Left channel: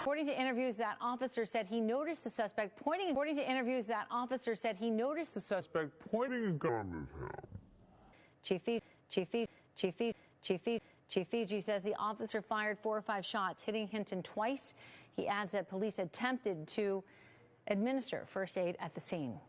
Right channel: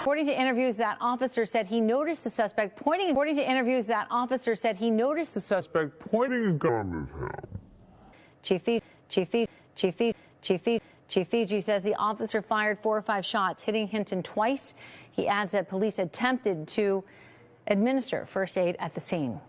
According to interviews, that officer said he noticed the suspect pointing. According to interviews, that officer said he noticed the suspect pointing a gun at him. Chief Fiji says the officer fired 4 or 5 shots, hitting Hinton twice. He adds that police attempted to administer first aid at the scene.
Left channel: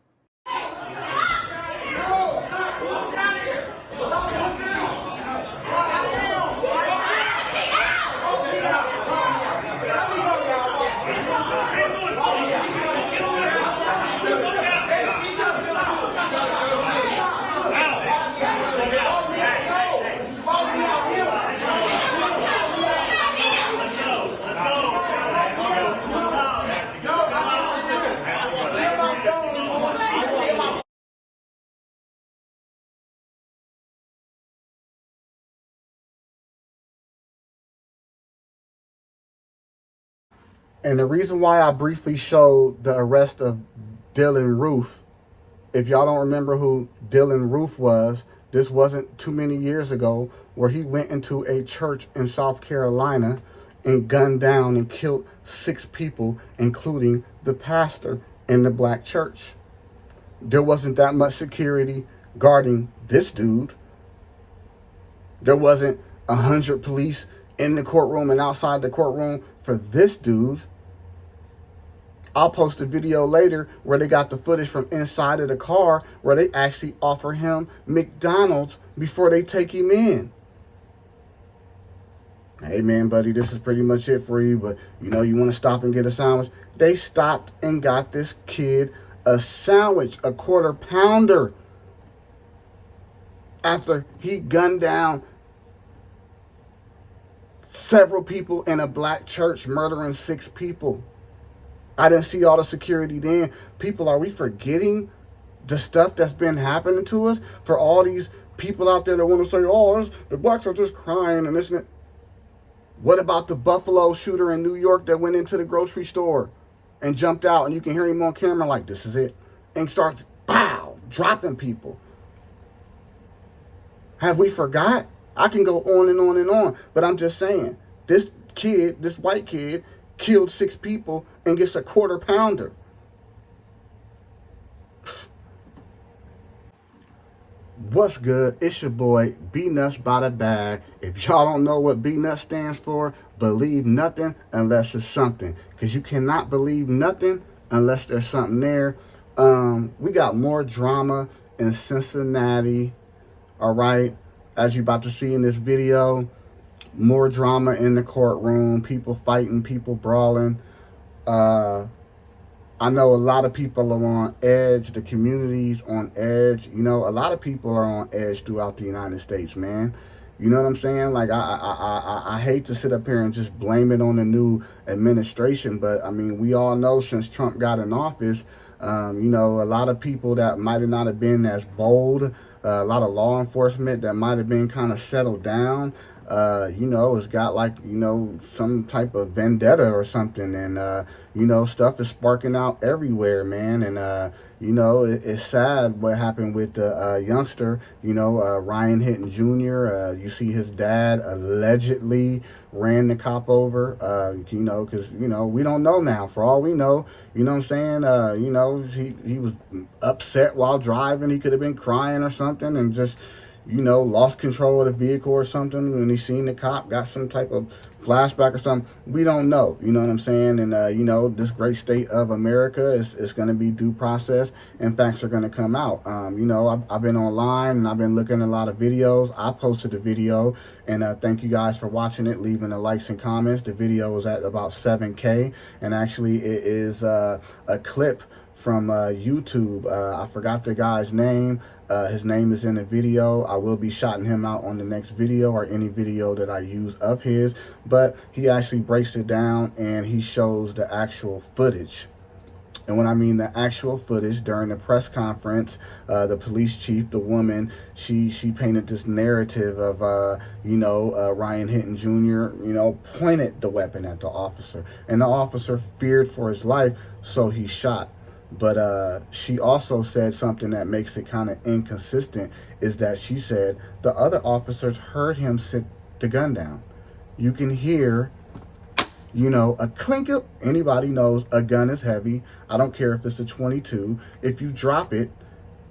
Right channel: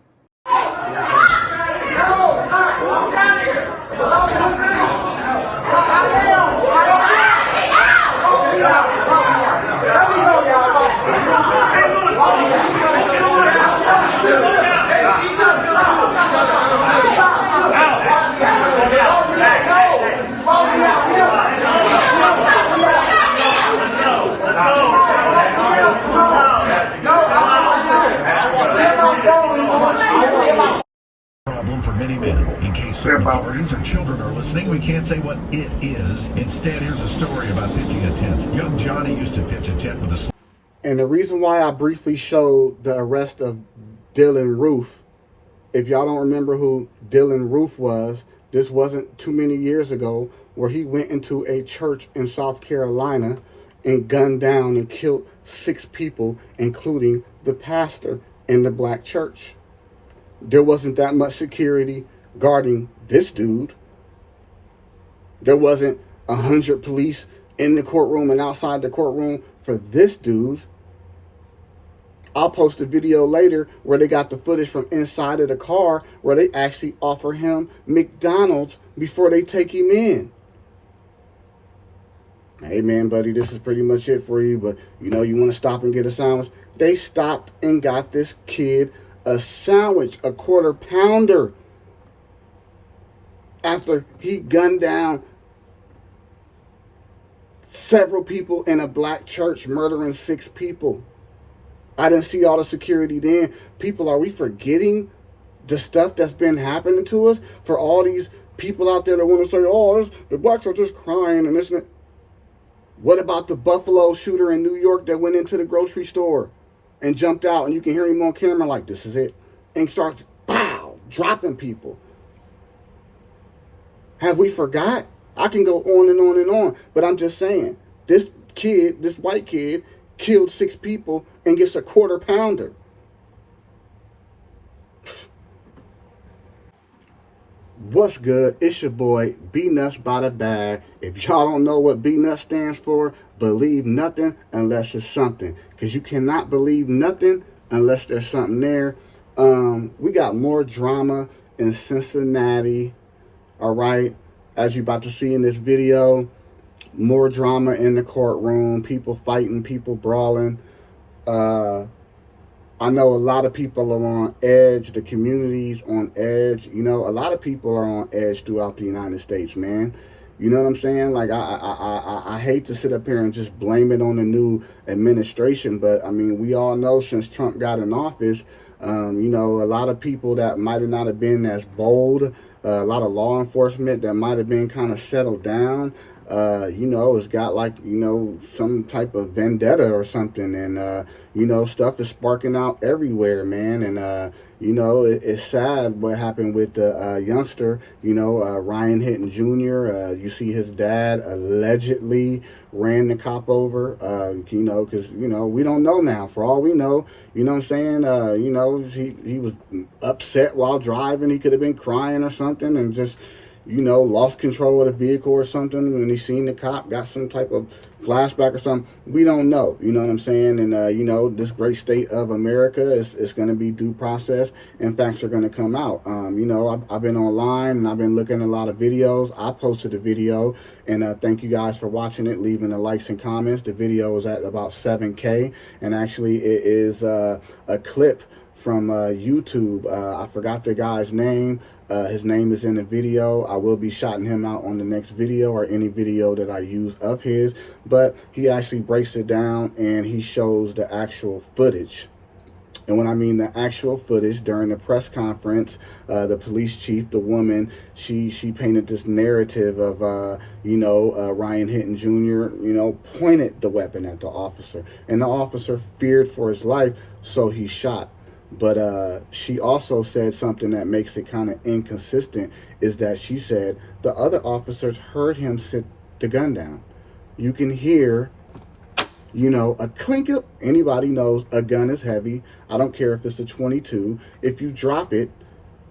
Problem for many men. In case celebrities or children are listening, we can't say what it is. Instead, here's a story about pitching a tent. Young Johnny used to pitch a tent with a... And the reason why I briefly showed the arrest of Dylan Roof, if y'all don't remember who Dylan Roof was, this wasn't too many years ago where he went into a church in South Carolina and gunned down and killed 6 people, including the pastor in the black church. There wasn't that much security guarding this dude. There wasn't 100 police in the courtroom and outside the courtroom for this dude. I'll post a video later where they got the footage from inside of the car where they actually offer him McDonald's before they take him in. Hey man, buddy, this is pretty much it for you, but you know, you want to stop and get a sandwich? They stopped and got this kid a sandwich, a quarter pounder, after he gunned down several people in a black church, murdering 6 people. I didn't see all the security then. People, are we forgetting the stuff that's been happening to us? For all these people out there that want to say, oh, the blacks are just crying and this and that. What about the Buffalo shooter in New York that went into the grocery store and jumped out, and you can hear him on camera like, this is it, and starts, pow, dropping people? Have we forgot? I can go on and on and on, but I'm just saying, this kid, this white kid, killed 6 people and gets a quarter pounder. What's good? It's your boy, B Nuts by the Bag. If y'all don't know what B Nuts stands for, believe nothing unless it's something. Because you cannot believe nothing unless there's something there. We got more drama in Cincinnati. All right. As you're about to see in this video, more drama in the courtroom. People fighting, people brawling. I know a lot of people are on edge. The community's on edge. You know, a lot of people are on edge throughout the United States, man. You know what I'm saying? Like, I hate to sit up here and just blame it on the new administration, but, I mean, we all know since Trump got in office, you know, a lot of people that might not have been as bold, a lot of law enforcement that might have been kind of settled down, you know, it's got like, you know, some type of vendetta or something. And, you know, stuff is sparking out everywhere, man. And, you know, it's sad what happened with the youngster, you know, Ryan Hinton Jr. You see his dad allegedly ran the cop over, you know, because, you know, we don't know now. For all we know, you know what I'm saying? You know, he was upset while driving. He could have been crying or something and just, you know, lost control of the vehicle or something when he seen the cop, got some type of flashback or something. We don't know, you know what I'm saying? And, you know, this great state of America is going to be due process and facts are going to come out. You know, I've been online and I've been looking at a lot of videos. I posted a video and thank you guys for watching it, leaving the likes and comments. The video is at about 7K and actually it is a clip from YouTube. I forgot the guy's name. His name is in the video. I will be shouting him out on the next video or any video that I use of his, but he actually breaks it down and he shows the actual footage. And when I mean the actual footage, during the press conference, the police chief, the woman, she painted this narrative of, you know, Ryan Hinton Jr., you know, pointed the weapon at the officer. And the officer feared for his life, so he shot. But she also said something that makes it kind of inconsistent, is that she said the other officers heard him sit the gun down. You can hear You know, a clink up, anybody knows a gun is heavy. I don't care if it's a 22. If you drop it,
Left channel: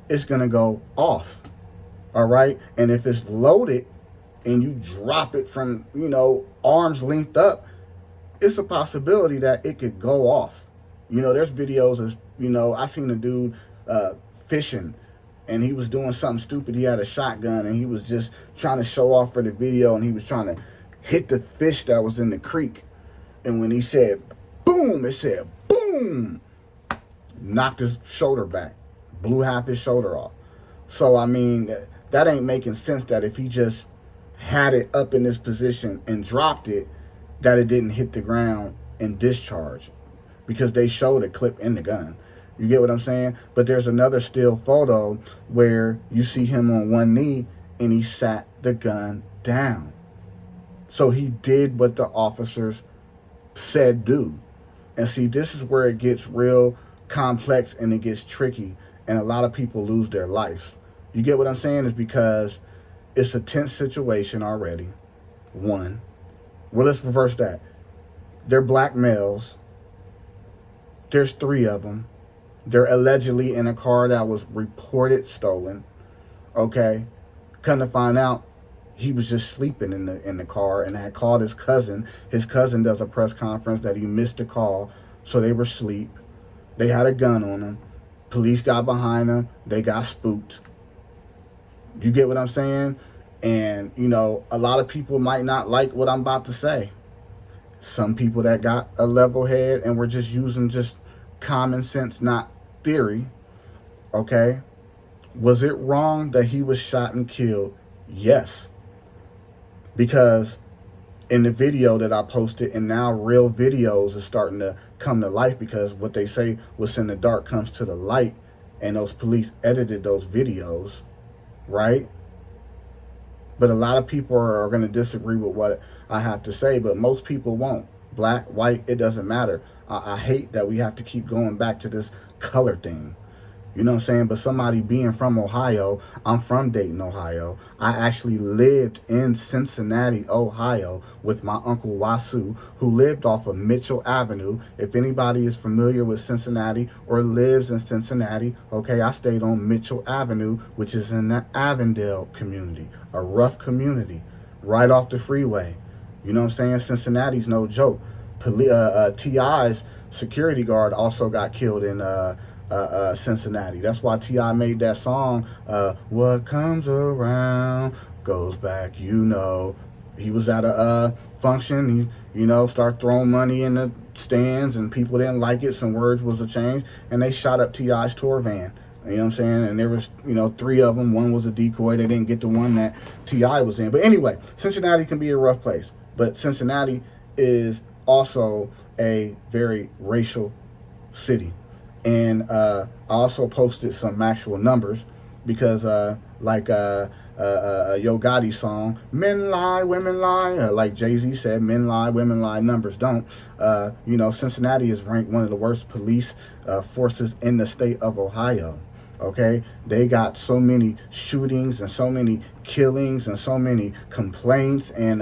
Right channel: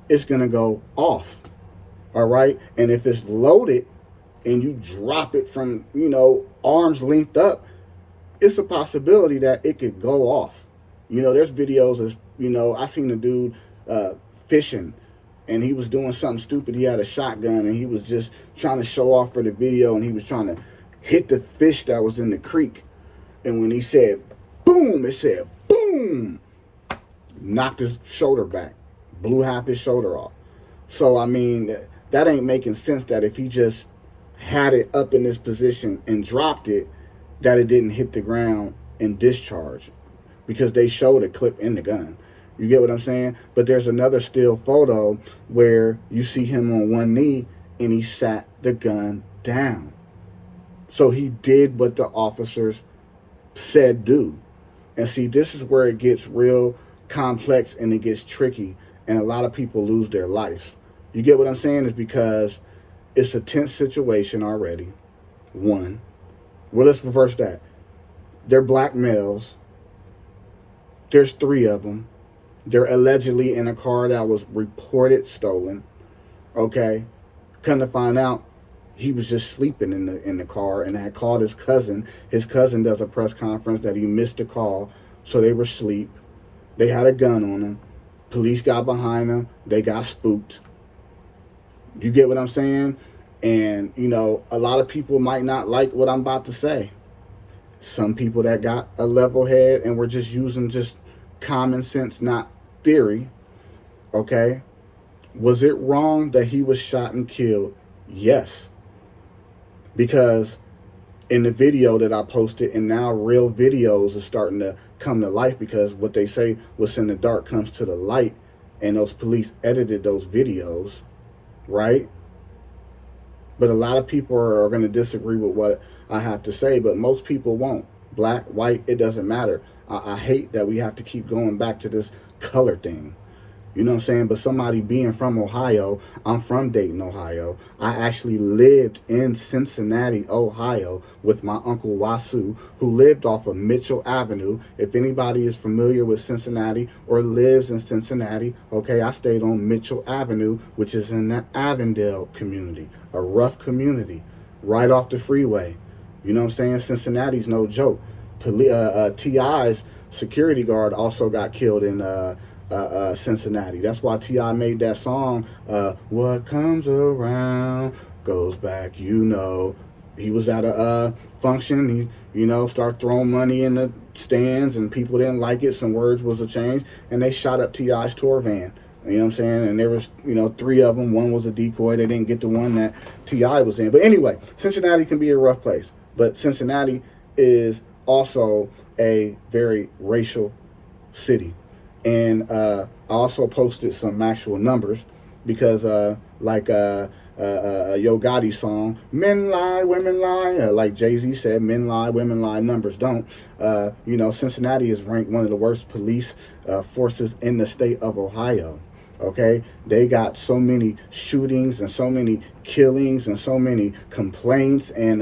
it's going to go off. All right. And if it's loaded and you drop it from, you know, arm's length up, it's a possibility that it could go off. You know, there's videos of, you know, I seen a dude fishing, and he was doing something stupid. He had a shotgun and he was just trying to show off for the video, and he was trying to hit the fish that was in the creek. And when he said boom, it said boom, knocked his shoulder back, blew half his shoulder off. So, I mean, that ain't making sense that if he just had it up in this position and dropped it, that it didn't hit the ground and discharge, because they showed a clip in the gun. You get what I'm saying? But there's another still photo where you see him on one knee and he sat the gun down. So he did what the officers said do. And see, this is where it gets real complex and it gets tricky, and a lot of people lose their life. You get what I'm saying? Is because it's a tense situation already. One. Well, let's reverse that. They're black males. There's 3 of them. They're allegedly in a car that was reported stolen. Okay. Come to find out, he was just sleeping in the car and had called his cousin. His cousin does a press conference that he missed the call, so they were asleep. They had a gun on them. Police got behind them. They got spooked. You get what I'm saying? And, you know, a lot of people might not like what I'm about to say. Some people that got a level head and were just using just common sense, not theory. Okay. Was it wrong that he was shot and killed? Yes. Because in the video that I posted, and now real videos are starting to come to life, because what they say, what's in the dark comes to the light, and those police edited those videos, right? But a lot of people are going to disagree with what I have to say, but most people won't. Black, white, it doesn't matter. I hate that we have to keep going back to this color thing. You know what I'm saying? But somebody being from Ohio, I'm from Dayton, Ohio. I actually lived in Cincinnati, Ohio with my Uncle Wasu, who lived off of Mitchell Avenue. If anybody is familiar with Cincinnati or lives in Cincinnati, okay, I stayed on Mitchell Avenue, which is in the Avondale community, a rough community, right off the freeway. You know what I'm saying? Cincinnati's no joke. T.I.'s security guard also got killed in Cincinnati. That's why T.I. made that song, what comes around goes back, you know. He was at a function, he, you know, started throwing money in the stands, and people didn't like it. Some words was a change, and they shot up T.I.'s tour van. You know what I'm saying? And there was, you know, 3 of them. One was a decoy. They didn't get the one that T.I. was in. But anyway, Cincinnati can be a rough place. But Cincinnati is also a very racial city. And I also posted some actual numbers, because like Yo Gotti's song, men lie, women lie, like Jay-Z said, men lie, women lie, numbers don't. You know, Cincinnati is ranked one of the worst police forces in the state of Ohio. Okay, they got so many shootings and so many killings and so many complaints. And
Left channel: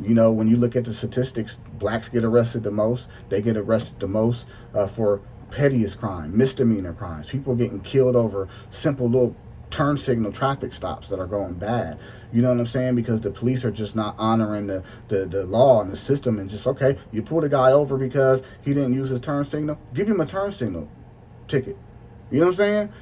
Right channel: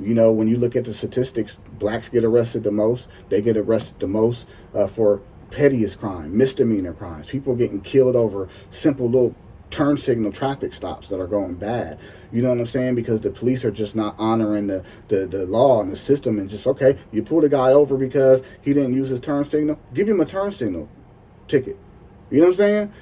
you know, when you look at the statistics, blacks get arrested the most. They get arrested the most for pettiest crime, misdemeanor crimes. People getting killed over simple little turn signal traffic stops that are going bad. You know what I'm saying? Because the police are just not honoring the law and the system, and just, okay, you pulled a guy over because he didn't use his turn signal, give him a turn signal ticket. You know what I'm saying?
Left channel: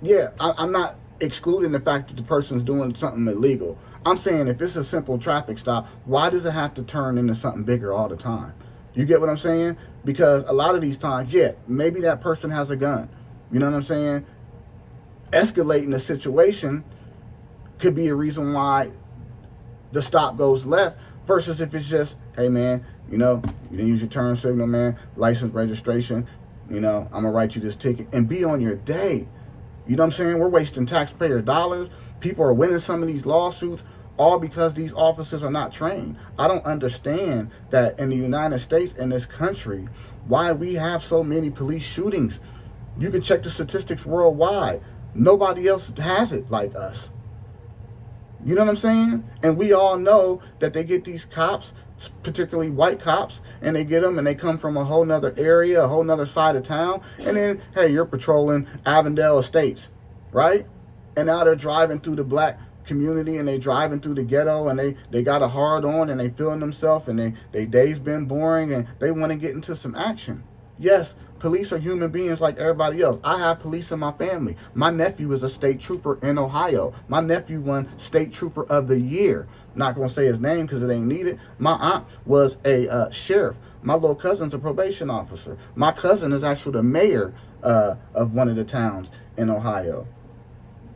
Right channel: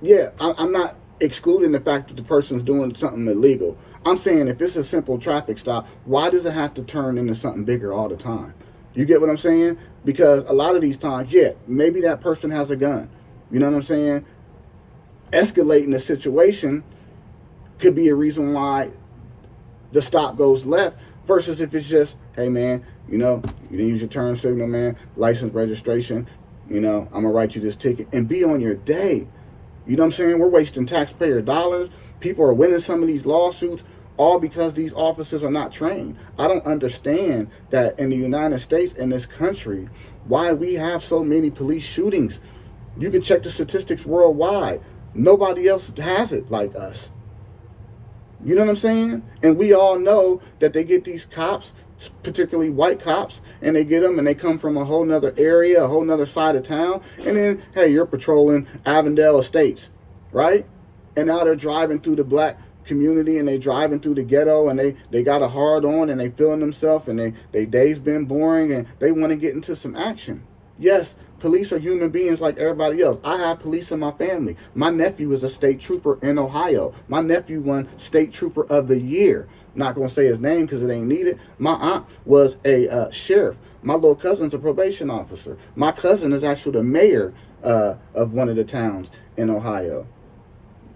Yeah, I'm not excluding the fact that the person's doing something illegal. I'm saying if it's a simple traffic stop, why does it have to turn into something bigger all the time? You get what I'm saying? Because a lot of these times, yeah, maybe that person has a gun. You know what I'm saying? Escalating the situation could be a reason why the stop goes left, versus if it's just, hey, man, you know, you didn't use your turn signal, man, license, registration, you know, I'm going to write you this ticket, and be on your day. You know what I'm saying? We're wasting taxpayer dollars. People are winning some of these lawsuits, all because these officers are not trained. I don't understand that in the United States, in this country, why we have so many police shootings. You can check the statistics worldwide. Nobody else has it like us. You know what I'm saying? And we all know that they get these cops particularly white cops, and they get them and they come from a whole nother area, a whole nother side of town, and then, hey, you're patrolling Avondale Estates, right? And now they're driving through the black community, and they driving through the ghetto, and they got a hard on, and they feeling themselves, and they day's been boring, and they want to get into some action. Yes, police are human beings like everybody else. I have police in my family. My nephew is a state trooper in Ohio. My nephew won State Trooper of the Year. Not going to say his name because it ain't needed. My aunt was a sheriff. My little cousin's a probation officer. My cousin is actually the mayor of one of the towns in Ohio.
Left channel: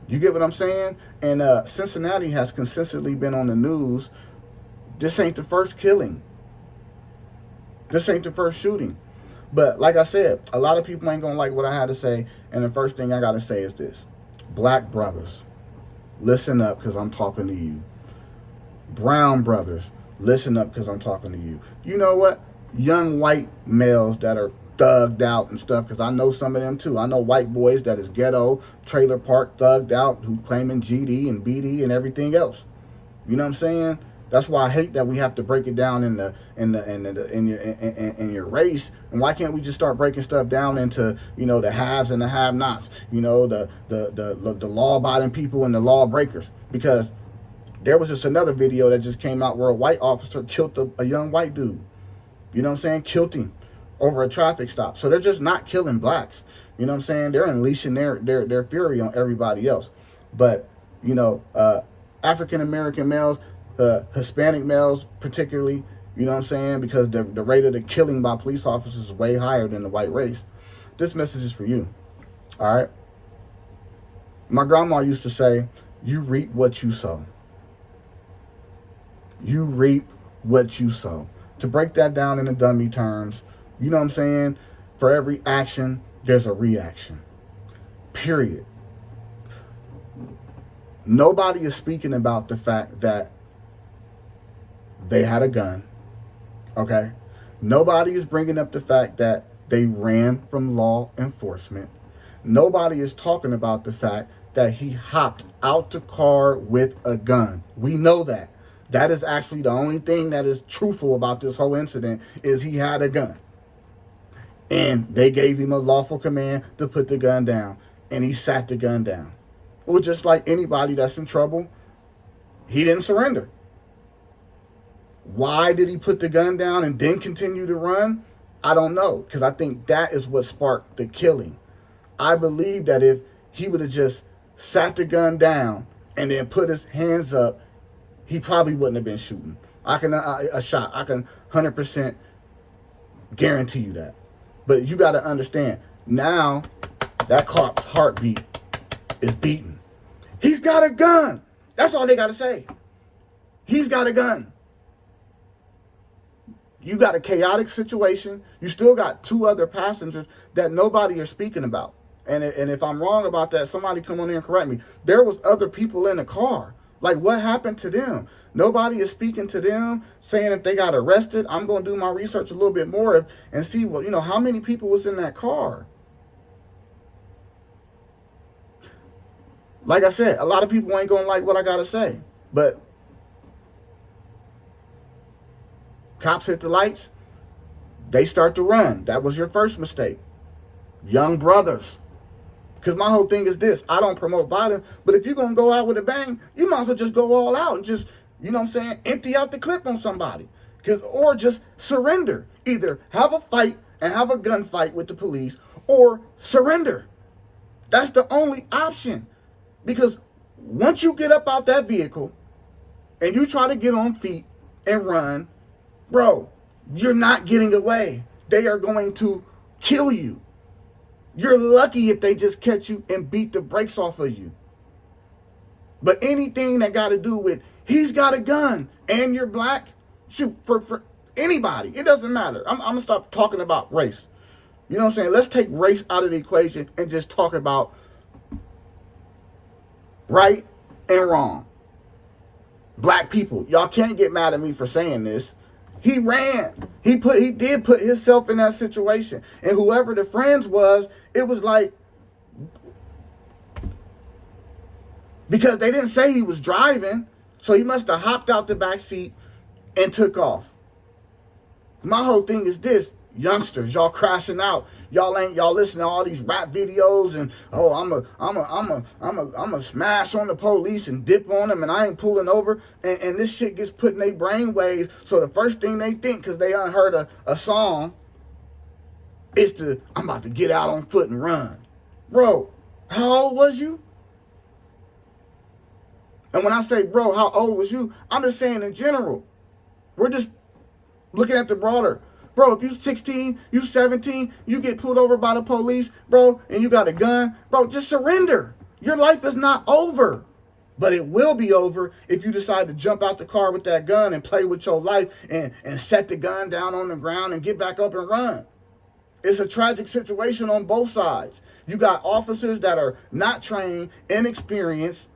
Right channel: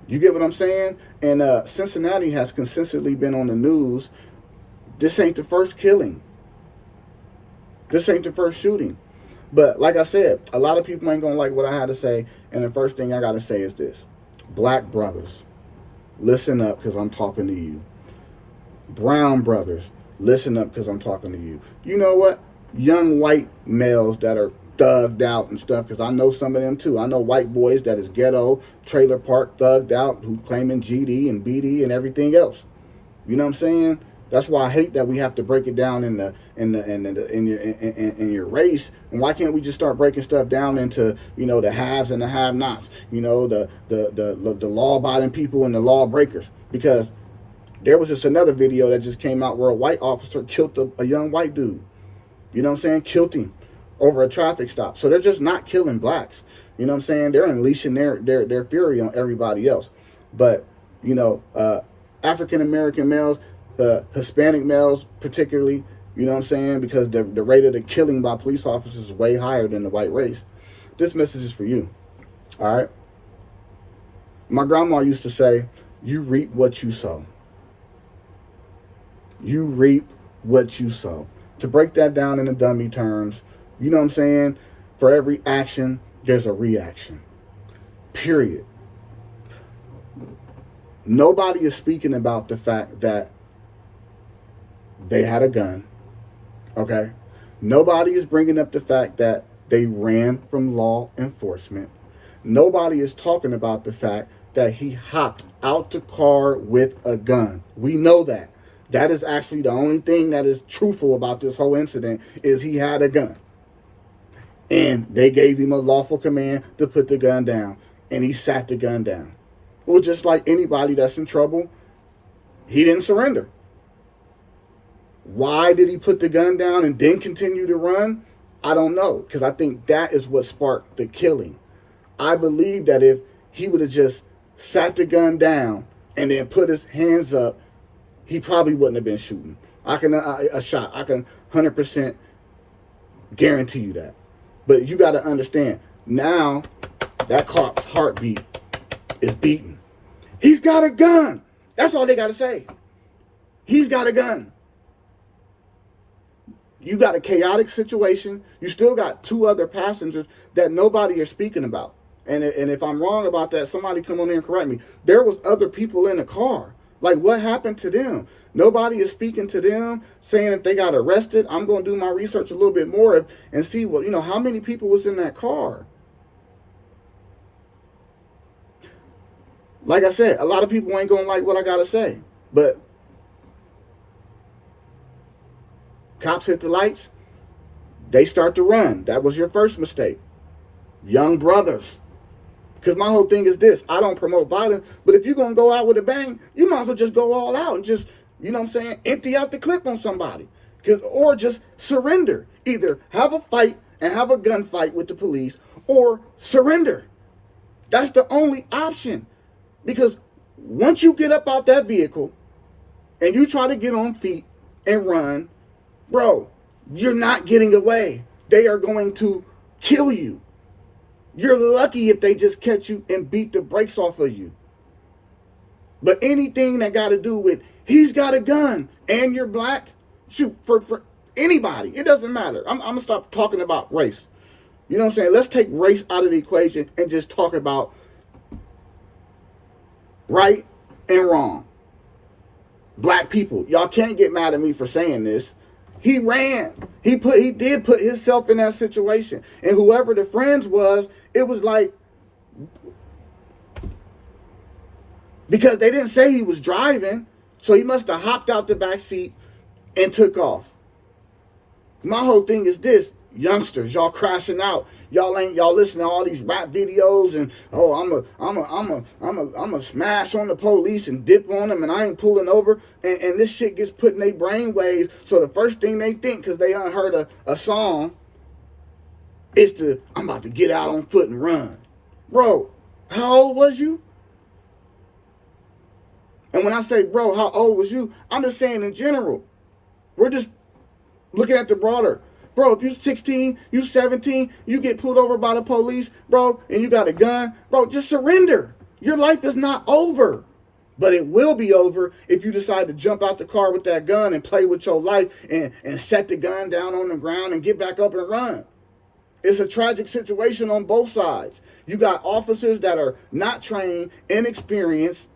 You get what I'm saying? And Cincinnati has consistently been on the news. This ain't the first killing. This ain't the first shooting. But like I said, a lot of people ain't going to like what I had to say. And the first thing I got to say is this. Black brothers, listen up because I'm talking to you. Brown brothers, listen up because I'm talking to you. You know what? Young white males that are thugged out and stuff, because I know some of them too. I know white boys that is ghetto, trailer park, thugged out, who claiming GD and BD and everything else. You know what I'm saying? That's why I hate that we have to break it down in your race. And why can't we just start breaking stuff down into, you know, the haves and the have-nots? You know, the law-abiding people and the law breakers. Because there was just another video that just came out where a white officer killed a young white dude. You know what I'm saying? Killed him over a traffic stop. So they're just not killing blacks. You know what I'm saying? They're unleashing their fury on everybody else. But, you know, African-American males, Hispanic males particularly, you know what I'm saying? Because the rate of the killing by police officers is way higher than the white race. This message is for you. All right? My grandma used to say, you reap what you sow. You reap what you sow. To break that down in the dummy terms, you know what I'm saying? For every action, there's a reaction. Period. Nobody is speaking about the fact that they had a gun. Okay? Nobody is bringing up the fact that they ran from law enforcement. Nobody is talking about the fact that he hopped out the car with a gun. We know that. That is actually the only thing that is truthful about this whole incident is he had a gun. And they gave him a lawful command to put the gun down. And he sat the gun down. Well, just like anybody that's in trouble, he didn't surrender. Why did he put the gun down and then continue to run? I don't know. Because I think that is what sparked the killing. I believe that if he would have just sat the gun down and then put his hands up, he probably wouldn't have been shooting. I can 100% guarantee you that. But you got to understand, now that cop's heartbeat is beating. He's got a gun. That's all they got to say. He's got a gun. You got a chaotic situation. You still got two other passengers that nobody is speaking about. And if I'm wrong about that, somebody come on in and correct me. There was other people in the car. Like, what happened to them? Nobody is speaking to them, saying if they got arrested. I'm going to do my research a little bit more and see, well, you know, how many people was in that car? Like I said, a lot of people ain't going to like what I got to say. But cops hit the lights. They start to run. That was your first mistake. Young brothers. Because my whole thing is this. I don't promote violence. But if you're going to go out with a bang, you might as well just go all out and just, you know what I'm saying, empty out the clip on somebody. Or just surrender. Either have a fight and have a gunfight with the police or surrender. That's the only option. Because once you get up out that vehicle and you try to get on feet and run, bro, you're not getting away. They are going to kill you. You're lucky if they just catch you and beat the brakes off of you. But anything that got to do with he's got a gun and you're black, shoot, for anybody, it doesn't matter. I'm going to stop talking about race. You know what I'm saying? Let's take race out of the equation and just talk about right and wrong. Black people, y'all can't get mad at me for saying this. He ran. He did put himself in that situation. And whoever the friends was, it was like, because they didn't say he was driving, so he must have hopped out the back seat and took off. My whole thing is this: youngsters, y'all crashing out. Y'all listening to all these rap videos and I'm a smash on the police and dip on them and I ain't pulling over, and this shit gets put in their brain waves. So the first thing they think, because they unheard a song, is I'm about to get out on foot and run. Bro, how old was you? And when I say, bro, how old was you? I'm just saying in general. We're just looking at the broader. Bro, if you're 16, you 17, you get pulled over by the police, bro, and you got a gun, bro, just surrender. Your life is not over. But it will be over if you decide to jump out the car with that gun and play with your life and set the gun down on the ground and get back up and run. It's a tragic situation on both sides. You got officers that are not trained, inexperienced,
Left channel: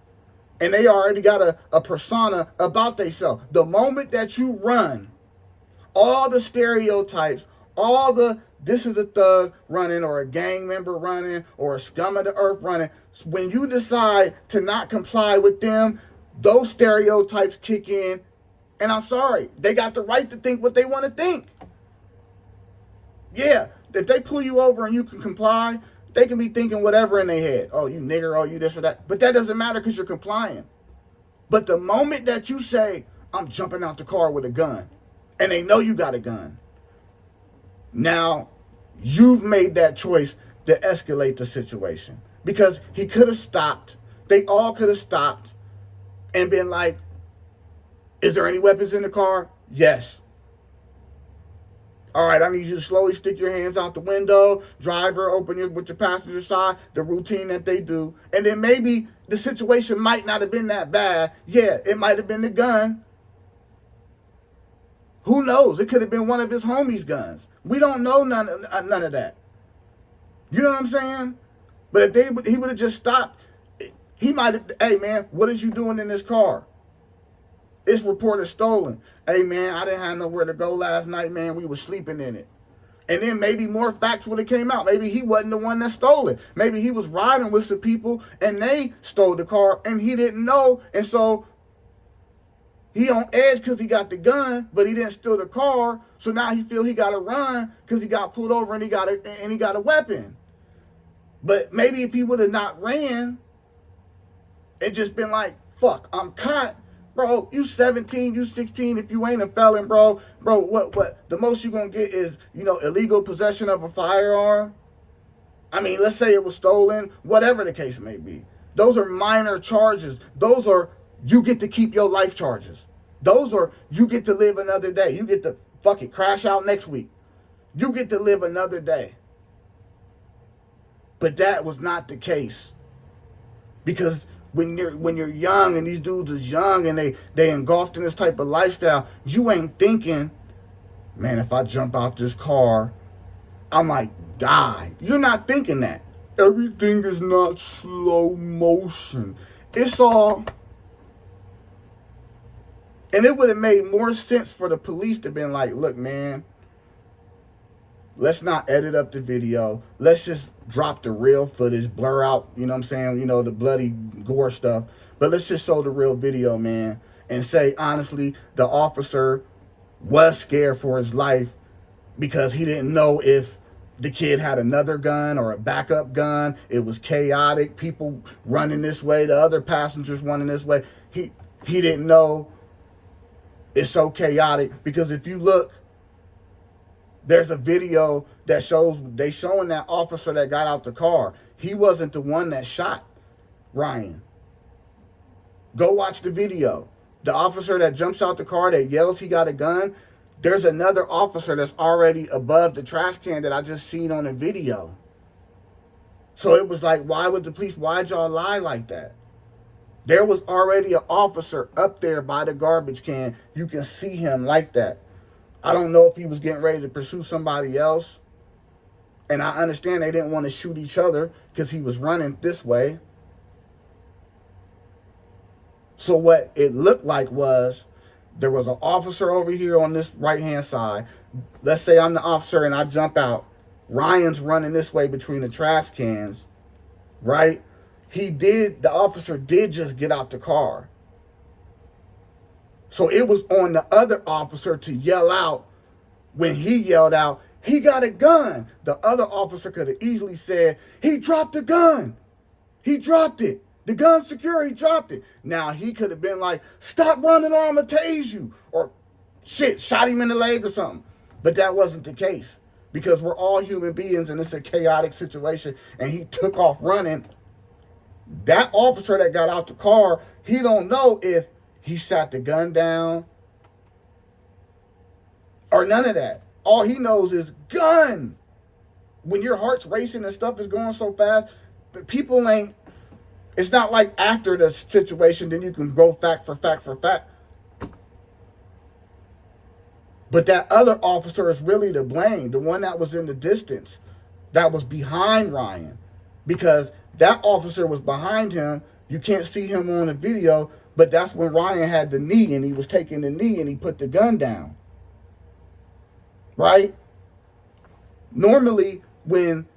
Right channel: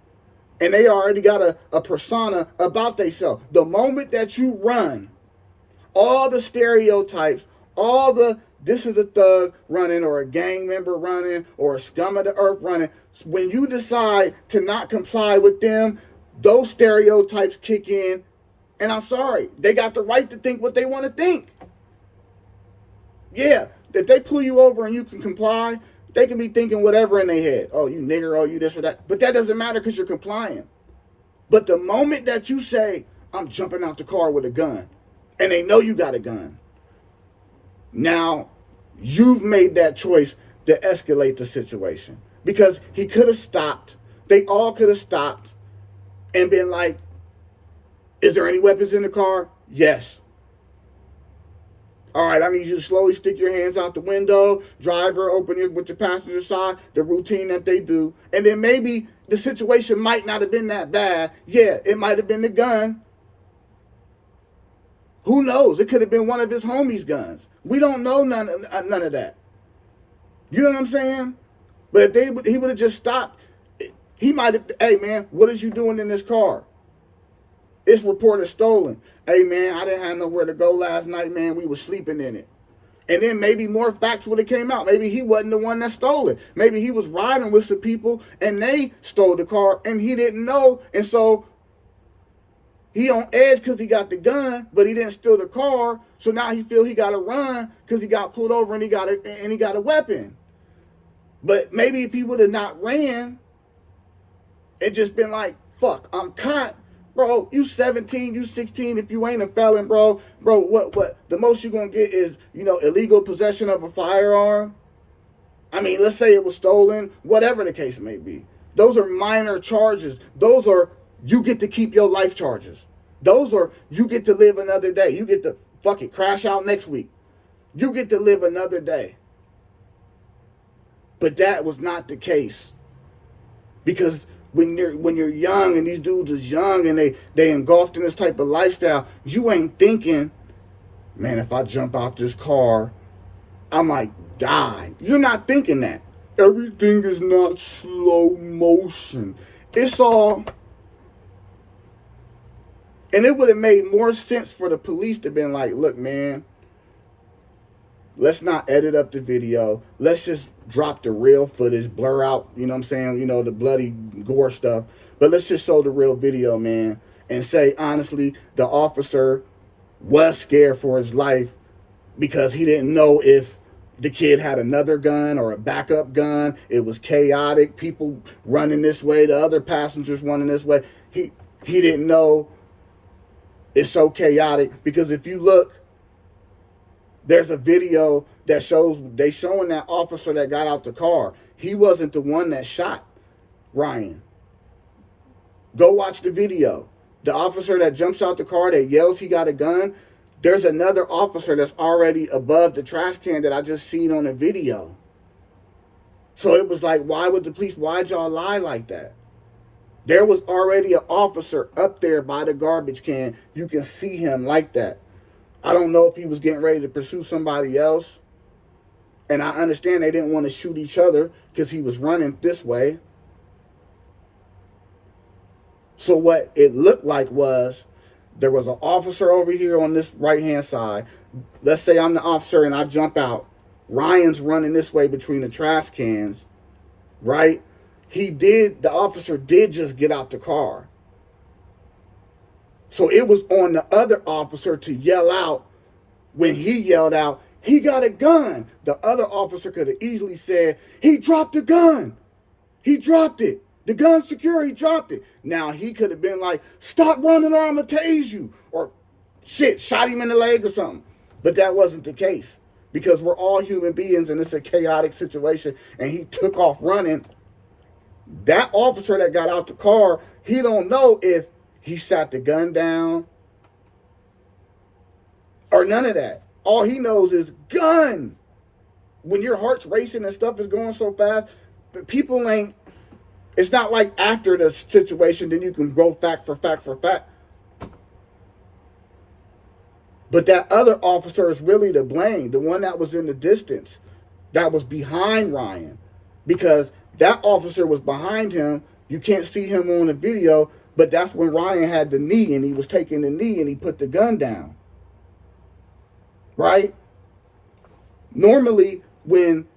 and they already got a persona about themselves. The moment that you run, all the stereotypes, all the this is a thug running or a gang member running or a scum of the earth running, when you decide to not comply with them, those stereotypes kick in. And I'm sorry, they got the right to think what they want to think. Yeah, if they pull you over and you can comply, they can be thinking whatever in their head. Oh, you nigger, oh, you this or that. But that doesn't matter because you're complying. But the moment that you say, I'm jumping out the car with a gun, and they know you got a gun, now you've made that choice to escalate the situation. Because he could have stopped. They all could have stopped and been like, is there any weapons in the car? Yes. All right, I need you to slowly stick your hands out the window, driver, open it with your passenger side, the routine that they do. And then maybe the situation might not have been that bad. Yeah, it might have been the gun. Who knows? It could have been one of his homies' guns. We don't know none of that. You know what I'm saying? But if he would have just stopped, he might have, hey, man, what is you doing in this car? It's reported stolen. Hey, man, I didn't have nowhere to go last night, man. We were sleeping in it. And then maybe more facts would have came out. Maybe he wasn't the one that stole it. Maybe he was riding with some people and they stole the car and he didn't know. And so he on edge because he got the gun, but he didn't steal the car. So now he feel he got to run because he got pulled over and he got a weapon. But maybe if he would have not ran, it just been like, fuck, I'm caught. Bro, you 17, you 16, if you ain't a felon, bro, what? The most you're going to get is, illegal possession of a firearm. I mean, let's say it was stolen, whatever the case may be. Those are minor charges. Those are, you get to keep your life charges. Those are, you get to live another day. You get to, fuck it, crash out next week. You get to live another day. But that was not the case. Because when you're young and these dudes is young and they engulfed in this type of lifestyle, you ain't thinking, man, if I jump out this car, I might die. You're not thinking that. Everything is not slow motion. It's all, and it would have made more sense for the police to been like, look, man, let's not edit up the video. Let's just drop the real footage, blur out, you know what I'm saying, the bloody gore stuff. But let's just show the real video, man, and say, honestly, the officer was scared for his life because he didn't know if the kid had another gun or a backup gun. It was chaotic. People running this way, the other passengers running this way. He didn't know. It's so chaotic because if you look, there's a video that showing that officer that got out the car. He wasn't the one that shot Ryan. Go watch the video. The officer that jumps out the car that yells he got a gun, there's another officer that's already above the trash can that I just seen on the video. So it was like, why'd y'all lie like that? There was already an officer up there by the garbage can. You can see him like that. I don't know if he was getting ready to pursue somebody else. And I understand they didn't want to shoot each other because he was running this way. So what it looked like was there was an officer over here on this right-hand side. Let's say I'm the officer and I jump out. Ryan's running this way between the trash cans, right? The officer did just get out the car. So it was on the other officer to yell out, when he yelled out, "He got a gun," the other officer could have easily said, "He dropped the gun. He dropped it. The gun's secure, he dropped it." Now he could have been like, "Stop running or I'm gonna tase you," or shit, shot him in the leg or something. But that wasn't the case, because we're all human beings and it's a chaotic situation, and he took off running. That officer that got out the car, he don't know if he sat the gun down or none of that. All he knows is gun. When your heart's racing and stuff is going so fast, people ain't, it's not like after the situation, then you can go fact for fact for fact. But that other officer is really to blame, the one that was in the distance, that was behind Ryan, because that officer was behind him. You can't see him on the video, but that's when Ryan had the knee, and he was taking the knee, and he put the gun down. Right? Normally, when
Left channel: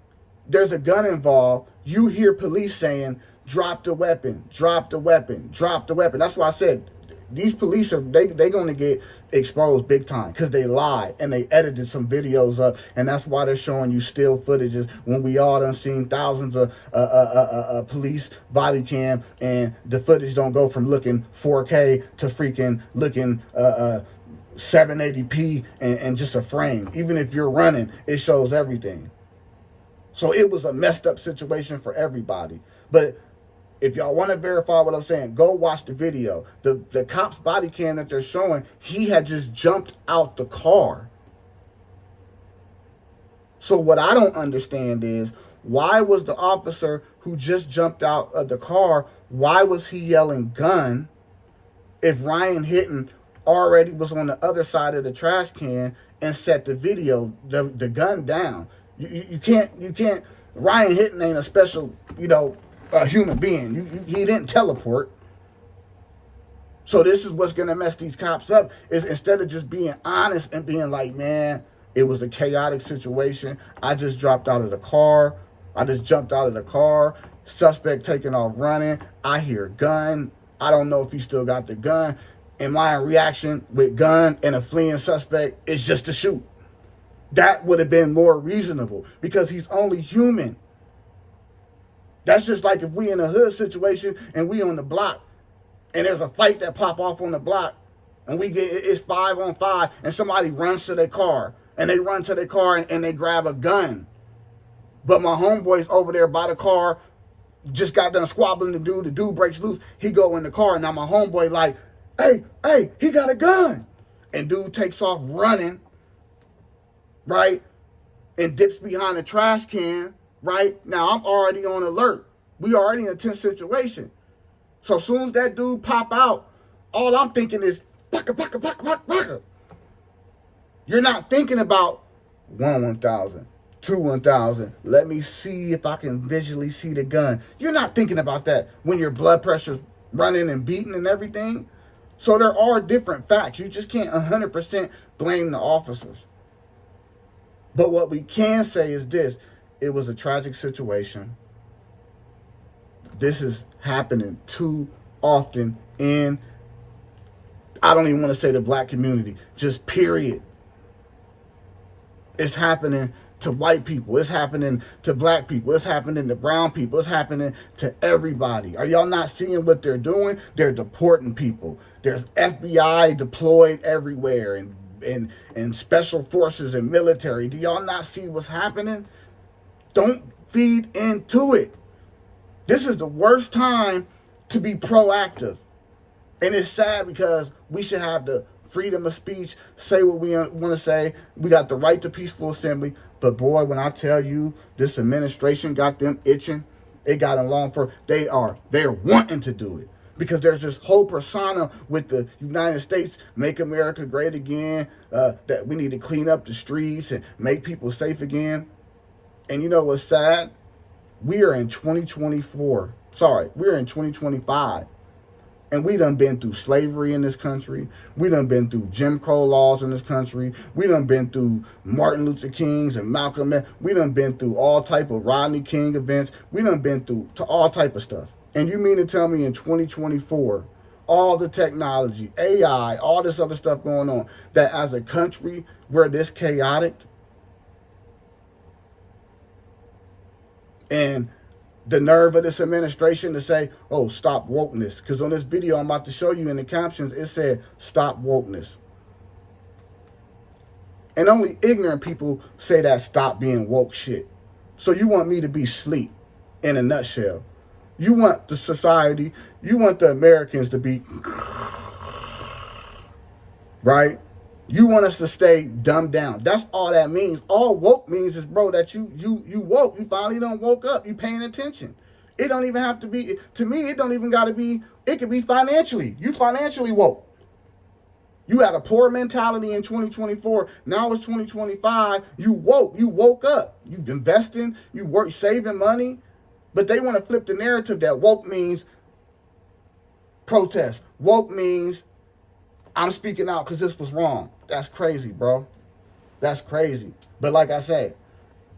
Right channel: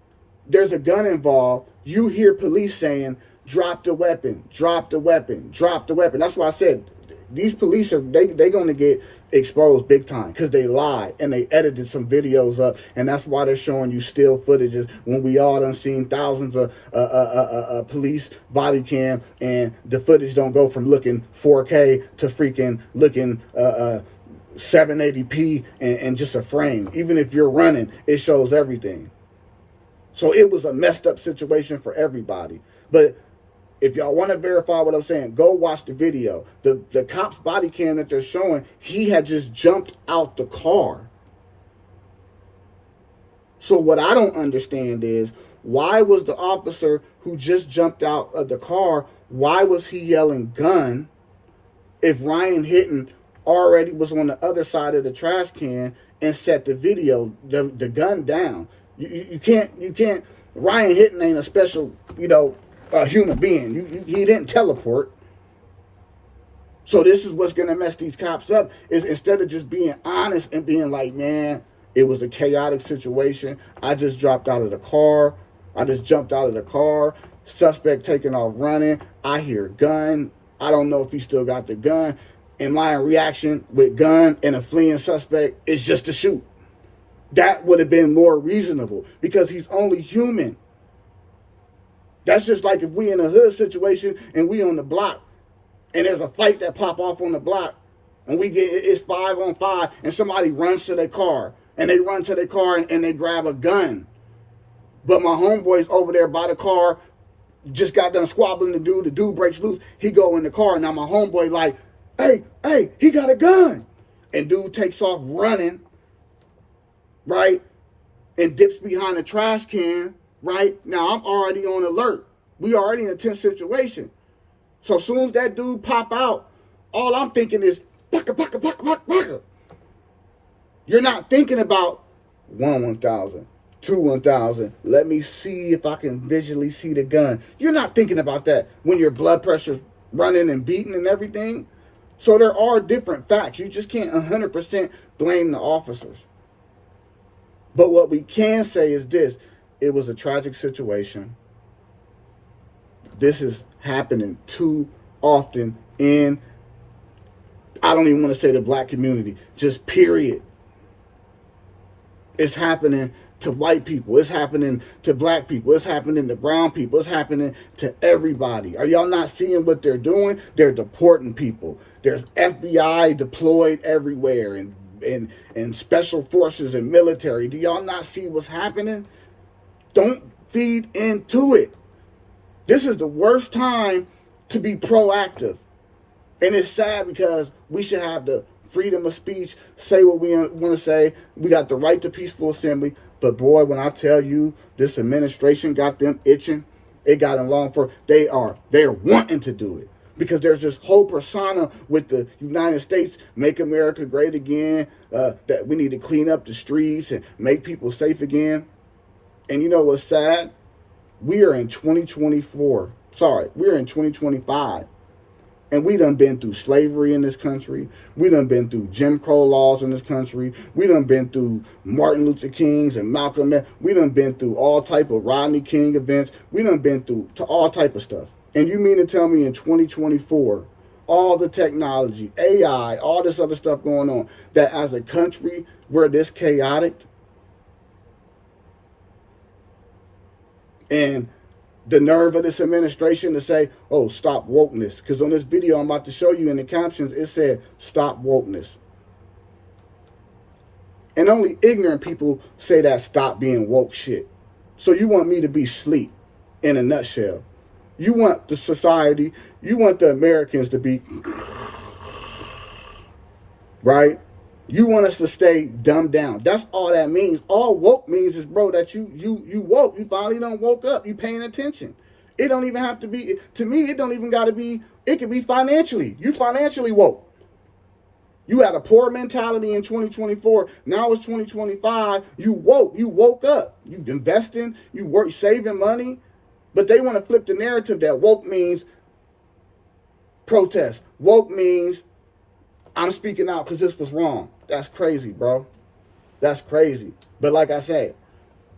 there's a gun involved, you hear police saying, "Drop the weapon, drop the weapon, drop the weapon." That's why I said these police are they going to get exposed big time, because they lied and they edited some videos up, and that's why they're showing you still footages when we all done seen thousands of police body cam, and the footage don't go from looking 4K to freaking looking 780p and just a frame. Even if you're running, it shows everything. So it was a messed up situation for everybody. But if y'all want to verify what I'm saying, go watch the video. The cop's body cam that they're showing, he had just jumped out the car. So what I don't understand is, why was the officer who just jumped out of the car, why was he yelling gun if Ryan Hinton already was on the other side of the trash can and set the the gun down? You can't, Ryan Hinton ain't a special, a human being. He didn't teleport. So this is what's going to mess these cops up, is instead of just being honest and being like, "Man, it was a chaotic situation. I just dropped out of the car. I just jumped out of the car. Suspect taking off running. I hear gun. I don't know if he still got the gun. And my reaction with gun and a fleeing suspect is just to shoot." That would have been more reasonable, because he's only human. That's just like if we in a hood situation and we on the block and there's a fight that pop off on the block, and it's 5-on-5, and somebody runs to their car, and they run to their car and they grab a gun. But my homeboy's over there by the car, just got done squabbling the dude breaks loose, he go in the car. Now my homeboy like, hey, he got a gun. And dude takes off running, right? And dips behind a trash can, right? Now I'm already on alert. We already in a tense situation. So as soon as that dude pop out, all I'm thinking is, baka, baka, baka, baka, baka. You're not thinking about 1,000, 1,000. Let me see if I can visually see the gun. You're not thinking about that when your blood pressure's running and beating and everything. So there are different facts. You just can't 100% blame the officers. But what we can say is this: it was a tragic situation. This is happening too often in, I don't even want to say the black community, just period. It's happening to white people. It's happening to black people. It's happening to brown people. It's happening to everybody. Are y'all not seeing what they're doing? They're deporting people. There's FBI deployed everywhere, and special forces and military. Do y'all not see what's happening? Don't feed into it. This is the worst time to be proactive. And it's sad, because we should have the freedom of speech, say what we want to say. We got the right to peaceful assembly. But boy, when I tell you this administration got them itching, it got them long for, they're wanting to do it. Because there's this whole persona with the United States, make America great again, that we need to clean up the streets and make people safe again. And you know what's sad? We are in 2024. We're in 2025. And we done been through slavery in this country. We done been through Jim Crow laws in this country. We done been through Martin Luther King's and Malcolm X. We done been through all type of Rodney King events. We done been through to all type of stuff. And you mean to tell me in 2024, all the technology, AI, all this other stuff going on, that as a country, we're this chaotic. And the nerve of this administration to say, oh, stop wokeness. Because on this video I'm about to show you in the captions, it said, stop wokeness. And only ignorant people say that stop being woke shit. So you want me to be sleep in a nutshell. You want the society, you want the Americans to be, right? You want us to stay dumbed down. That's all that means. All woke means is, bro, that you woke. You finally done woke up. You paying attention. It don't even have to be, to me, it don't even got to be, it could be financially. You financially woke. You had a poor mentality in 2024. Now it's 2025. You woke. You woke up. You investing. You work saving money. But they want to flip the narrative that woke means protest. Woke means I'm speaking out because this was wrong. That's crazy, bro. That's crazy. But like I said,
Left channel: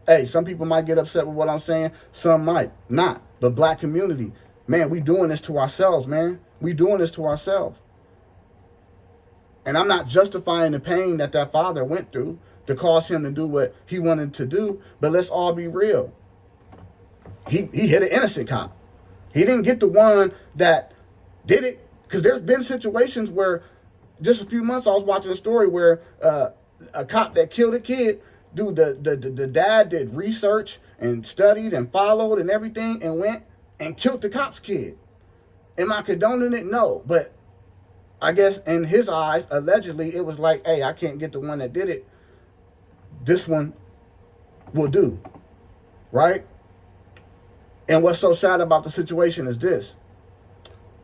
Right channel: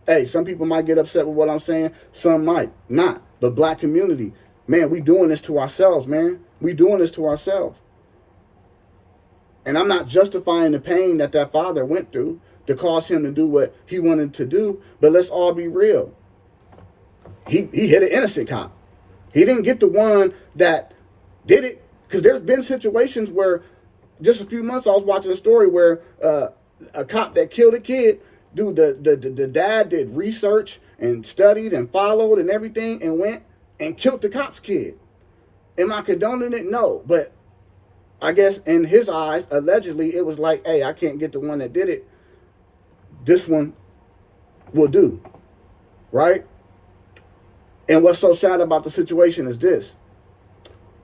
hey, some people might get upset with what I'm saying. Some might not. But black community, man, we doing this to ourselves, man. We doing this to ourselves. And I'm not justifying the pain that that father went through to cause him to do what he wanted to do. But let's all be real. He hit an innocent cop. He didn't get the one that did it. Because there's been situations where, just a few months, I was watching a story where a cop that killed a kid, dude, the dad did research and studied and followed and everything and went and killed the cop's kid. Am I condoning it? No. But I guess in his eyes, allegedly, it was like, hey, I can't get the one that did it. This one will do. Right? And what's so sad about the situation is this.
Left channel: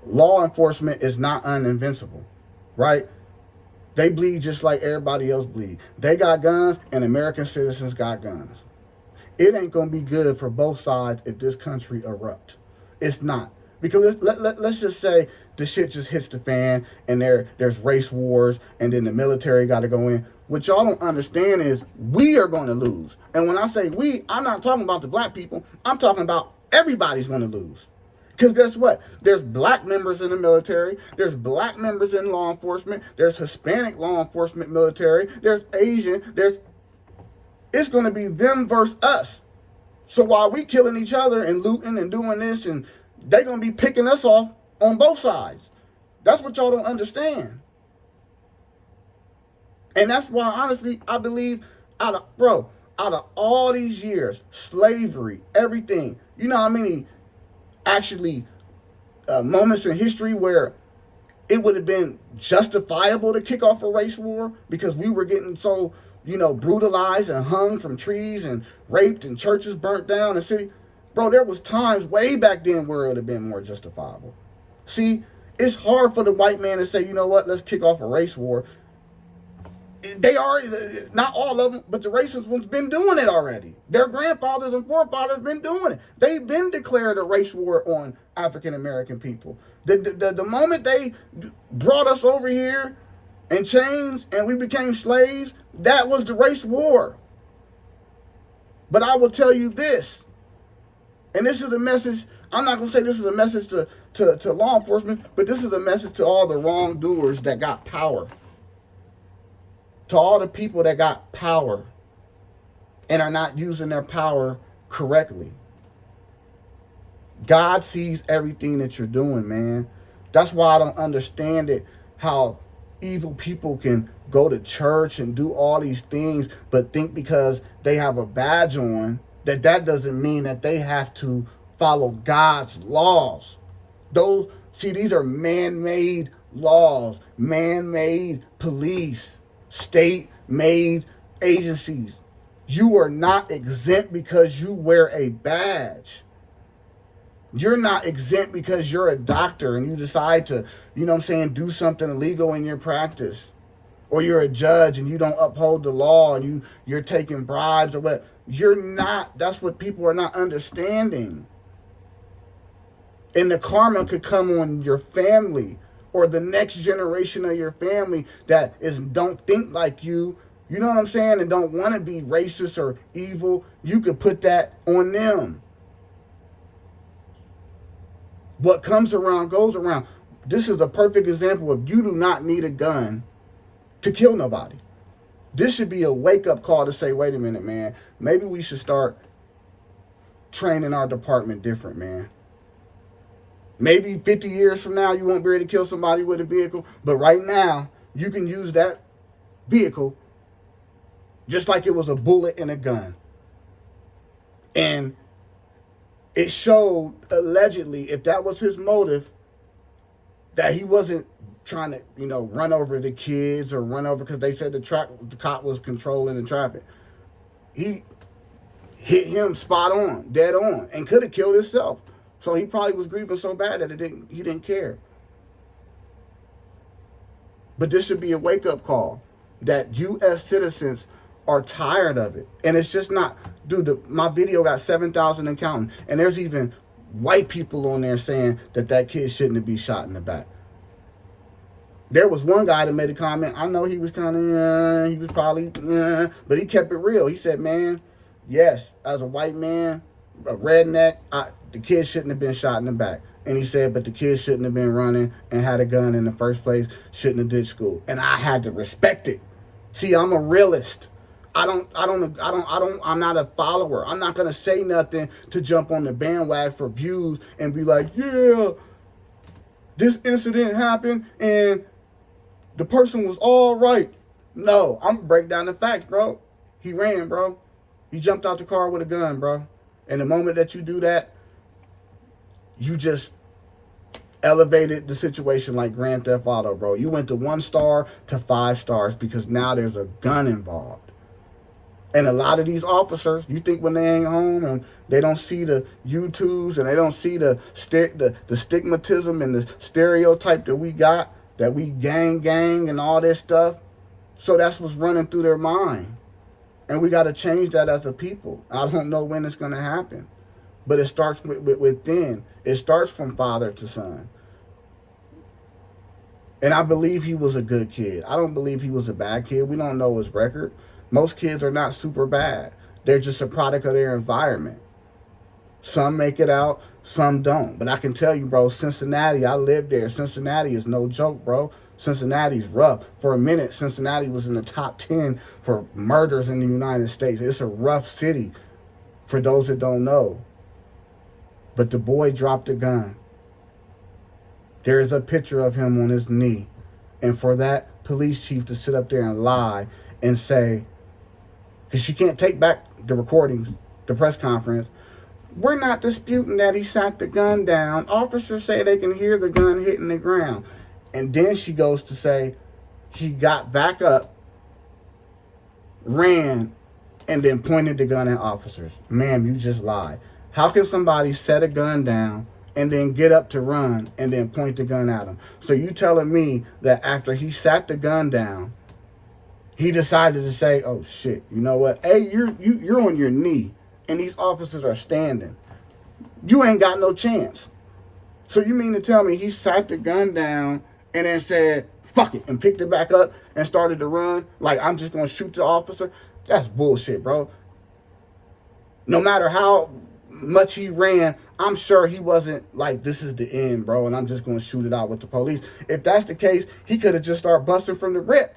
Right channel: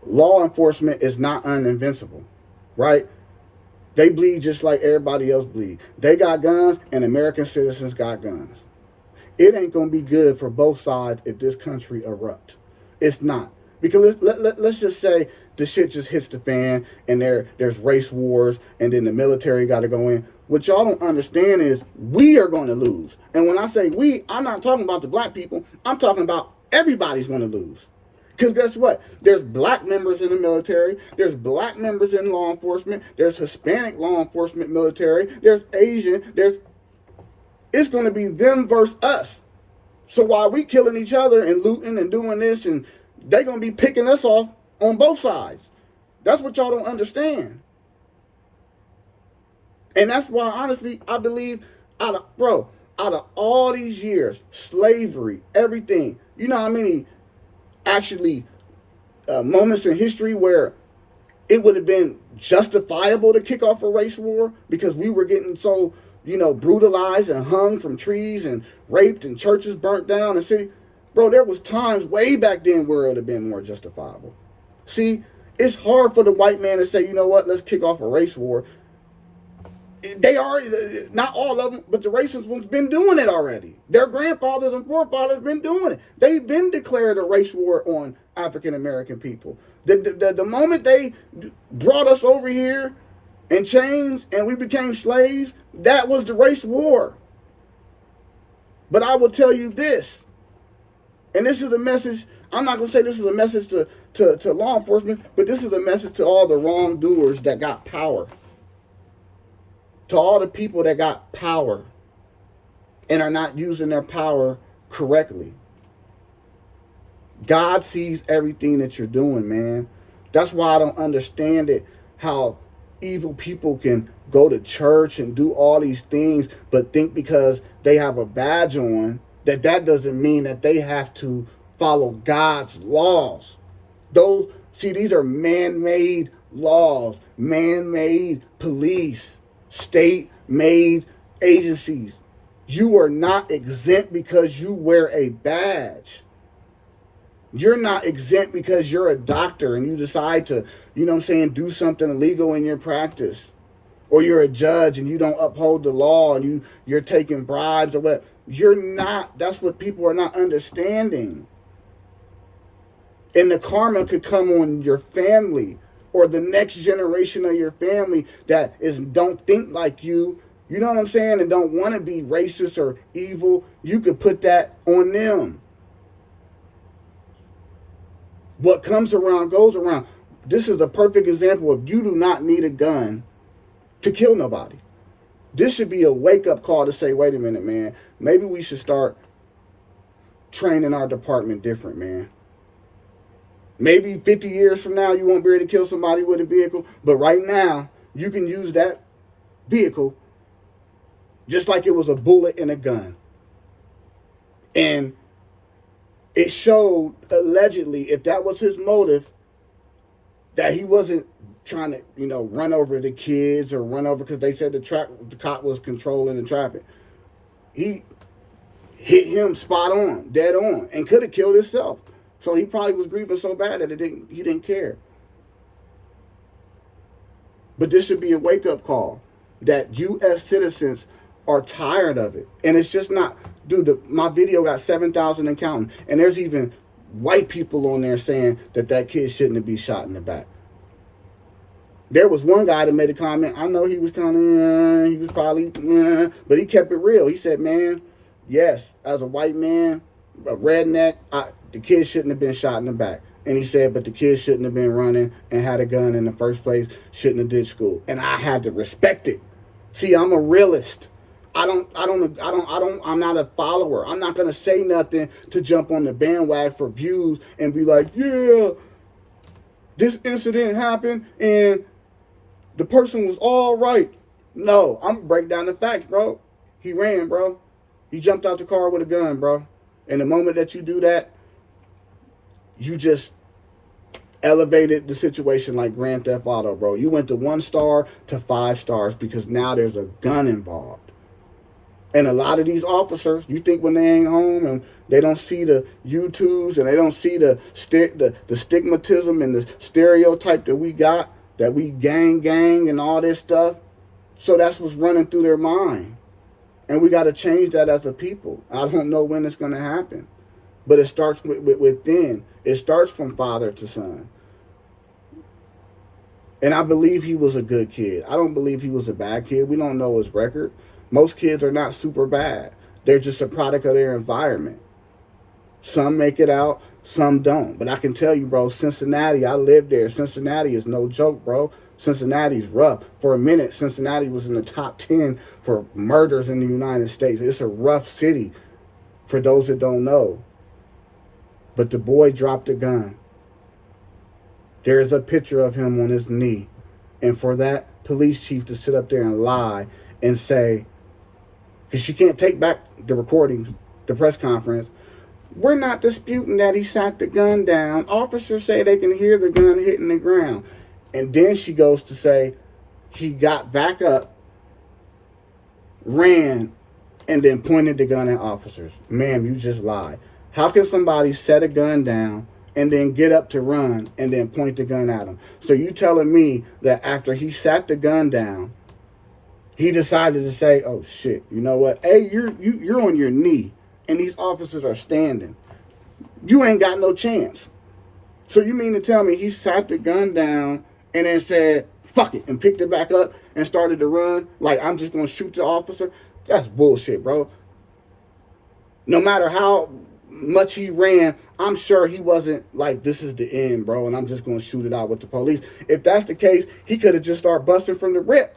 Law enforcement is not uninvincible. Right? They bleed just like everybody else bleed. They got guns and American citizens got guns. It ain't going to be good for both sides if this country erupt. It's not. Because let's just say the shit just hits the fan and there's race wars and then the military got to go in. What y'all don't understand is we are going to lose. And when I say we, I'm not talking about the black people. I'm talking about everybody's going to lose. Because guess what? There's black members in the military. There's black members in law enforcement. There's Hispanic law enforcement military. There's Asian. It's going to be them versus us. So while we killing each other and looting and doing this, and they're going to be picking us off on both sides. That's what y'all don't understand. And that's why, honestly, I believe out of all these years, slavery, everything, you know how many actually moments in history where it would have been justifiable to kick off a race war because we were getting so, brutalized and hung from trees and raped and churches burnt down and city. Bro, there was times way back then where it would have been more justifiable. See, it's hard for the white man to say, you know what, let's kick off a race war. They already, not all of them, but the racist ones been doing it already. Their grandfathers and forefathers been doing it. They've been declared a race war on African American people. The moment they brought us over here in chains and we became slaves, that was the race war. But I will tell you this, and this is a message, I'm not going to say this is a message to law enforcement, but this is a message to all the wrongdoers that got power. To all the people that got power and are not using their power correctly. God sees everything that you're doing, man. That's why I don't understand it, how evil people can go to church and do all these things, but think because they have a badge on, that doesn't mean that they have to follow God's laws. These are man-made laws, man-made police, state-made agencies. You are not exempt because you wear a badge. You're not exempt because you're a doctor and you decide to, do something illegal in your practice. Or you're a judge and you don't uphold the law and you're taking bribes or what. You're not. That's what people are not understanding. And the karma could come on your family or the next generation of your family that don't think like you, you know what I'm saying, and don't want to be racist or evil. You could put that on them. What comes around goes around. This is a perfect example of you do not need a gun to kill nobody. This should be a wake-up call to say, wait a minute, man. Maybe we should start training our department different, man. Maybe 50 years from now, you won't be able to kill somebody with a vehicle. But right now, you can use that vehicle just like it was a bullet in a gun. And it showed, allegedly, if that was his motive, that he wasn't trying to, run over the kids or run over, because they said the cop was controlling the traffic. He hit him spot on, dead on, and could have killed himself. So he probably was grieving so bad that he didn't care. But this should be a wake-up call that U.S. citizens are tired of it. And it's just not, dude, my video got 7,000 and counting. And there's even white people on there saying that kid shouldn't be shot in the back. There was one guy that made a comment. I know he was kind of, he was probably, but he kept it real. He said, man, yes, as a white man, a redneck, the kid shouldn't have been shot in the back. And he said, but the kid shouldn't have been running and had a gun in the first place, shouldn't have did school. And I had to respect it. See, I'm a realist. I'm not a follower. I'm not going to say nothing to jump on the bandwagon for views and be like, yeah, this incident happened and the person was all right. No, I'm going to break down the facts, bro. He ran, bro. He jumped out the car with a gun, bro. And the moment that you do that, you just elevated the situation like Grand Theft Auto, bro. You went to 1 star to 5 stars because now there's a gun involved. And a lot of these officers, you think when they ain't home and they don't see the YouTubes and they don't see the stigmatism and the stereotype that we got, that we gang and all this stuff. So that's what's running through their mind. And we got to change that as a people. I don't know when it's going to happen. But it starts within. It starts from father to son. And I believe he was a good kid. I don't believe he was a bad kid. We don't know his record. Most kids are not super bad. They're just a product of their environment. Some make it out, some don't. But I can tell you, bro, Cincinnati, I lived there. Cincinnati is no joke, bro. Cincinnati's rough. For a minute, Cincinnati was in the top 10 for murders in the United States. It's a rough city for those that don't know. But the boy dropped a gun. There is a picture of him on his knee. And for that police chief to sit up there and lie and say, because she can't take back the recordings, the press conference, we're not disputing that he shot the gun down. Officers say they can hear the gun hitting the ground. And then she goes to say he got back up, ran, and then pointed the gun at officers. Ma'am, you just lied. How can somebody set a gun down and then get up to run and then point the gun at him? So you telling me that after he sat the gun down, he decided to say, oh shit, you know what? Hey, you're on your knee and these officers are standing. You ain't got no chance. So you mean to tell me he sat the gun down and then said, fuck it, and picked it back up and started to run like I'm just going to shoot the officer? That's bullshit, bro. No matter how much he ran, I'm sure he wasn't like, this is the end, bro, and I'm just going to shoot it out with the police. If that's the case, he could have just started busting from the rip.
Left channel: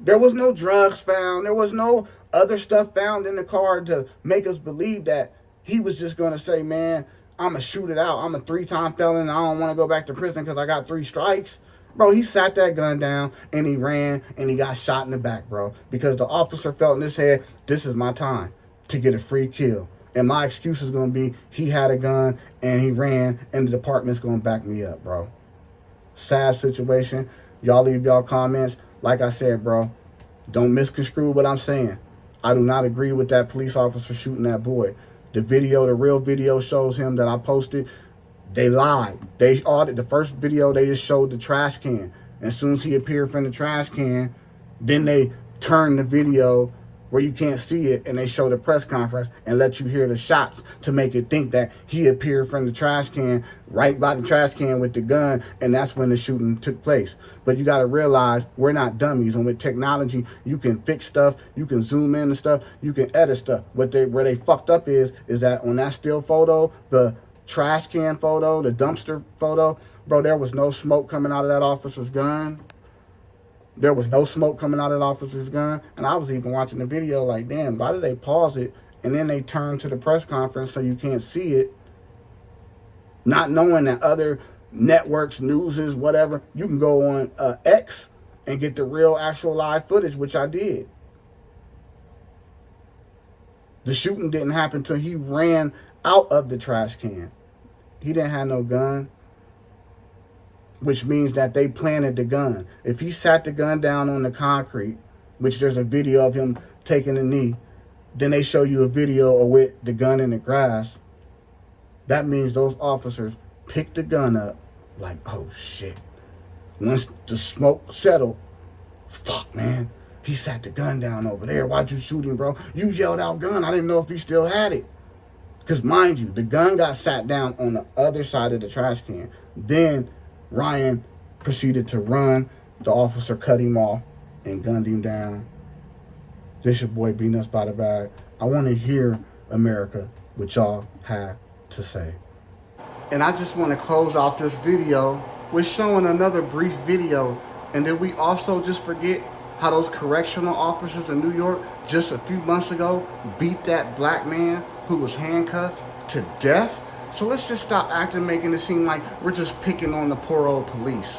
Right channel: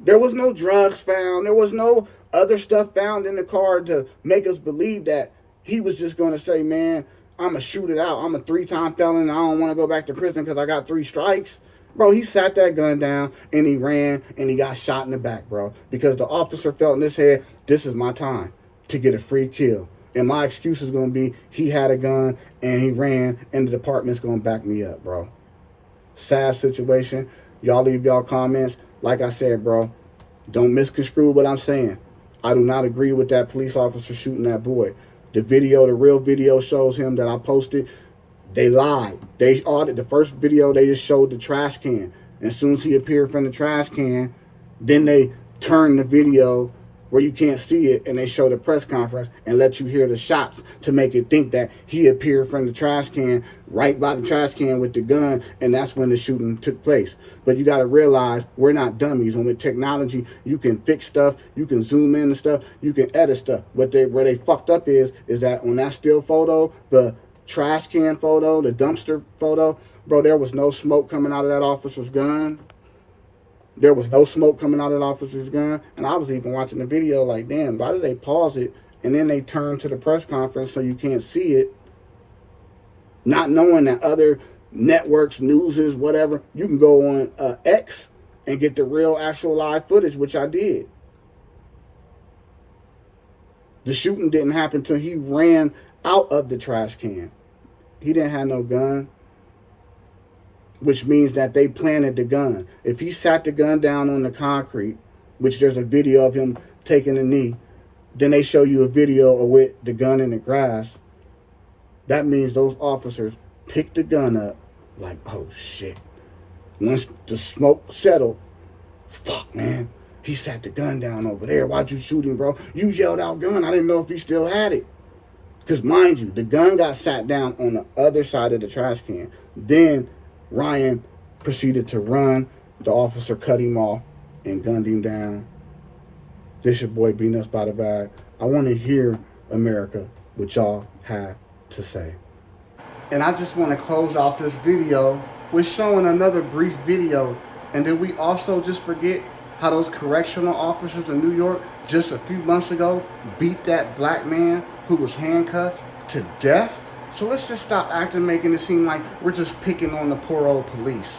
There was no drugs found. There was no other stuff found in the car to make us believe that he was just going to say, man, I'm going to shoot it out. I'm a 3-time felon. I don't want to go back to prison because I got 3 strikes. Bro, he sat that gun down and he ran and he got shot in the back, bro, because the officer felt in his head, this is my time to get a free kill. And my excuse is going to be he had a gun and he ran and the department's going to back me up, bro. Sad situation. Y'all leave y'all comments. Like I said, bro, don't misconstrue what I'm saying. I do not agree with that police officer shooting that boy. The video, the real video shows him that I posted. They lied. They audited the first video. They just showed the trash can. And as soon as he appeared from the trash can, then they turned the video where you can't see it, and they show the press conference and let you hear the shots to make it think that he appeared from the trash can, right by the trash can with the gun, and that's when the shooting took place. But you got to realize we're not dummies, and with technology, you can fix stuff, you can zoom in and stuff, you can edit stuff. Where they fucked up is that on that still photo, the trash can photo, the dumpster photo, bro, there was no smoke coming out of that officer's gun. There was no smoke coming out of that officer's gun. And I was even watching the video like, damn, why did they pause it? And then they turn to the press conference so you can't see it. Not knowing that other networks, newses, whatever, you can go on X and get the real actual live footage, which I did. The shooting didn't happen until he ran out of the trash can. He didn't have no gun, which means that they planted the gun. If he sat the gun down on the concrete, which there's a video of him taking a knee, then they show you a video of with the gun in the grass, that means those officers picked the gun up like, oh shit. Once the smoke settled, fuck, man, he sat the gun down over there. Why'd you shoot him, bro? You yelled out gun. I didn't know if he still had it. Because mind you, the gun got sat down on the other side of the trash can. Then Ryan proceeded to run. The officer cut him off and gunned him down. This your boy beating us by the bag. I want to hear, America, what y'all have to say. And I just want to close out this video with showing another brief video. And then we also just forget how those correctional officers in New York just a few months ago beat that black man who was handcuffed to death. So let's just stop acting, making it seem like we're just picking on the poor old police.